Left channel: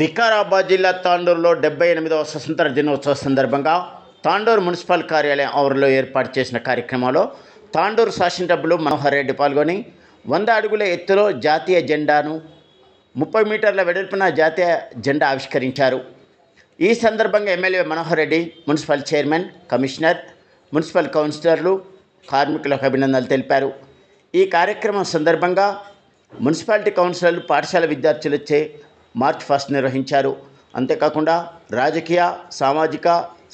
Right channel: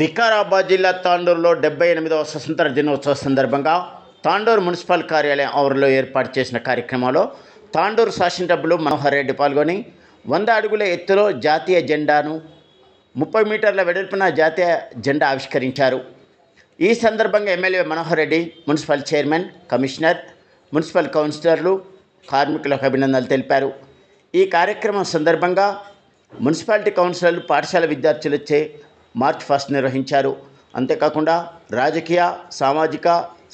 వికారాబాద్ జిల్లా తాండూరులో డెబ్బై ఎనిమిదవ స్వతంత్ర దినోత్సవ సందర్భంగా తాండూరు మున్సిపల్ కార్యాలయం ఆవరణలో ఏర్పాటు చేసిన కార్యక్రమంలో తాండూరు శాసనసభ్యులు మనోహర్ రెడ్డి పాల్గొని వంద అడుగుల ఎత్తులో జాతీయ జెండాను ముప్పై మీటర్ల వెడల్పున జాతీయ జెండా ఆవిష్కరించారు. ఈ సందర్భంగా MLA Manohar Reddy municipal chairman commissioner municipal కౌన్సిలర్లు కార్మికులకు అభినందనలు తెలిపారు. ఈ కార్యక్రమం సందర్భంగా మున్సిపాలిటీ కౌన్సిలర్లు పాఠశాల విద్యార్థులచే మార్చ్ ఫస్ట్ నిర్వహించారు. అంతేకాకుండా రాజకీయ సామాజిక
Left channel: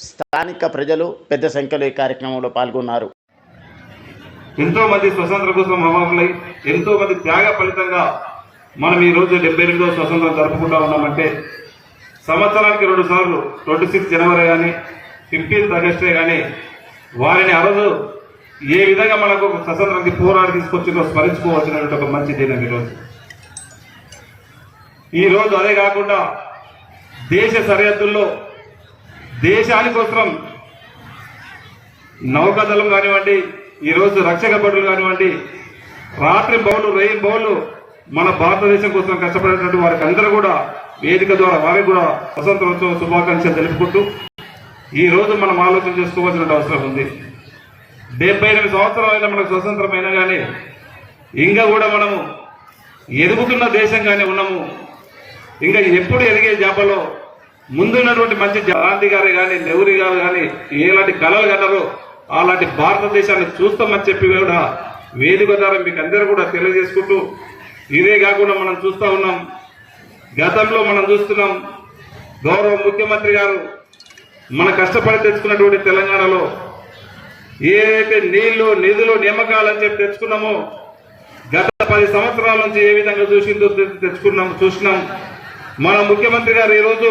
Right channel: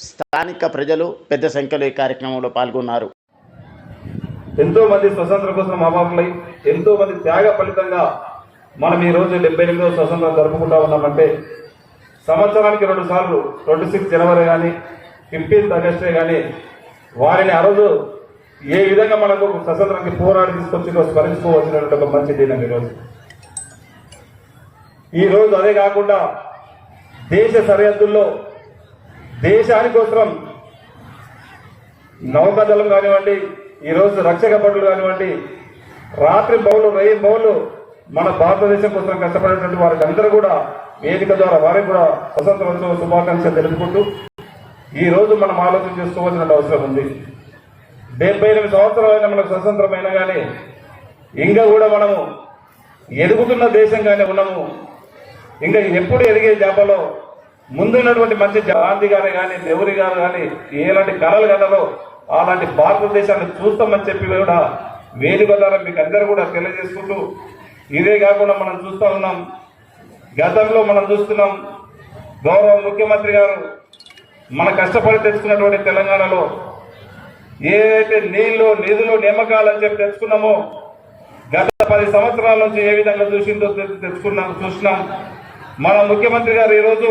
స్థానిక ప్రజలు పెద్ద సంఖ్యలో ఈ కార్యక్రమంలో పాల్గొన్నారు. ఎంతో మంది కోసం అవాకులై ఎంతో మంది త్యాగ ఫలితంగా మనం ఈరోజు డెబ్బై ఎనిమిదో స్వతంత్రం జరుపుకుంటా ఉన్నామంటే సంవత్సరానికి రెండు సార్లు ట్వంటీ సిక్స్ జనవరి కానీ ఫిఫ్టీన్త్ ఆగస్టే కానీ వారిని ఆ రోజు ఏ విధంగా మనకు స్వతంత్రానికి పోరాడి తీసుకొచ్చిందో స్మరించుకోవచ్చినటువంటి ఒక మంచి దినం ఈరోజు ఈ రోజు అదే కాకుండా దేశ సరిహద్దుల్లో దేశానికోసం నౌకాదళం కానివ్వండి ఈరోజు రక్షక భటులు కానివ్వండి రాత్రి బౌలు వెయ్యి బౌలు మన భారతదేశం కోసం కష్టపడేటువంటి వారికి అందరూ కూడా వేదిక ద్వారా వారికి కూడా స్వతంత్రోత్సవ శుభాకాంక్షలు తెలుపుకుంటూ ఈ రోజు మనం ఆలోచన చేసుకోవాల్సిన అవసరం ఉంది. డెబ్బై ఎనిమిది సంవత్సరాలైనా మనకు స్వతంత్రమైనా కానీ ఇంకా కూడా మనము ఎదుగుతున్న దేశంగానే ఉన్నాము. ఇంకా ఎప్పుడు ఎదిగే జాబలో ముందున్నటువంటి మంచి గాంధీ గారు కానీ నెహ్రూ గారు కానీ ఎలాంటి కళలు కలరో అలాంటి భారతదేశాన్ని చూస్తామని చెప్పి కూడా వేదిక ద్వారా మీకు అందరూ కూడా తెలియజేసుకుంటూ ఇదే కాకుండా మనం చూస్తూ ఉన్నాం. గతంలో మనం చూస్తున్నాం గౌరవ ముఖ్యమంత్రి గారు మన కష్టపడి తెచ్చుకున్నటువంటి తెలంగాణలో ఏదైతే నీళ్ళు నిధులు నియామకాలు అని చెప్పి తెచ్చుకున్నామో గత పది సంవత్సరాల నుంచి ఏ విధంగా చూసిందో తెచ్చుకున్నాం చూసినాం. మన ముఖ్యమంత్రి గారు ఈరోజు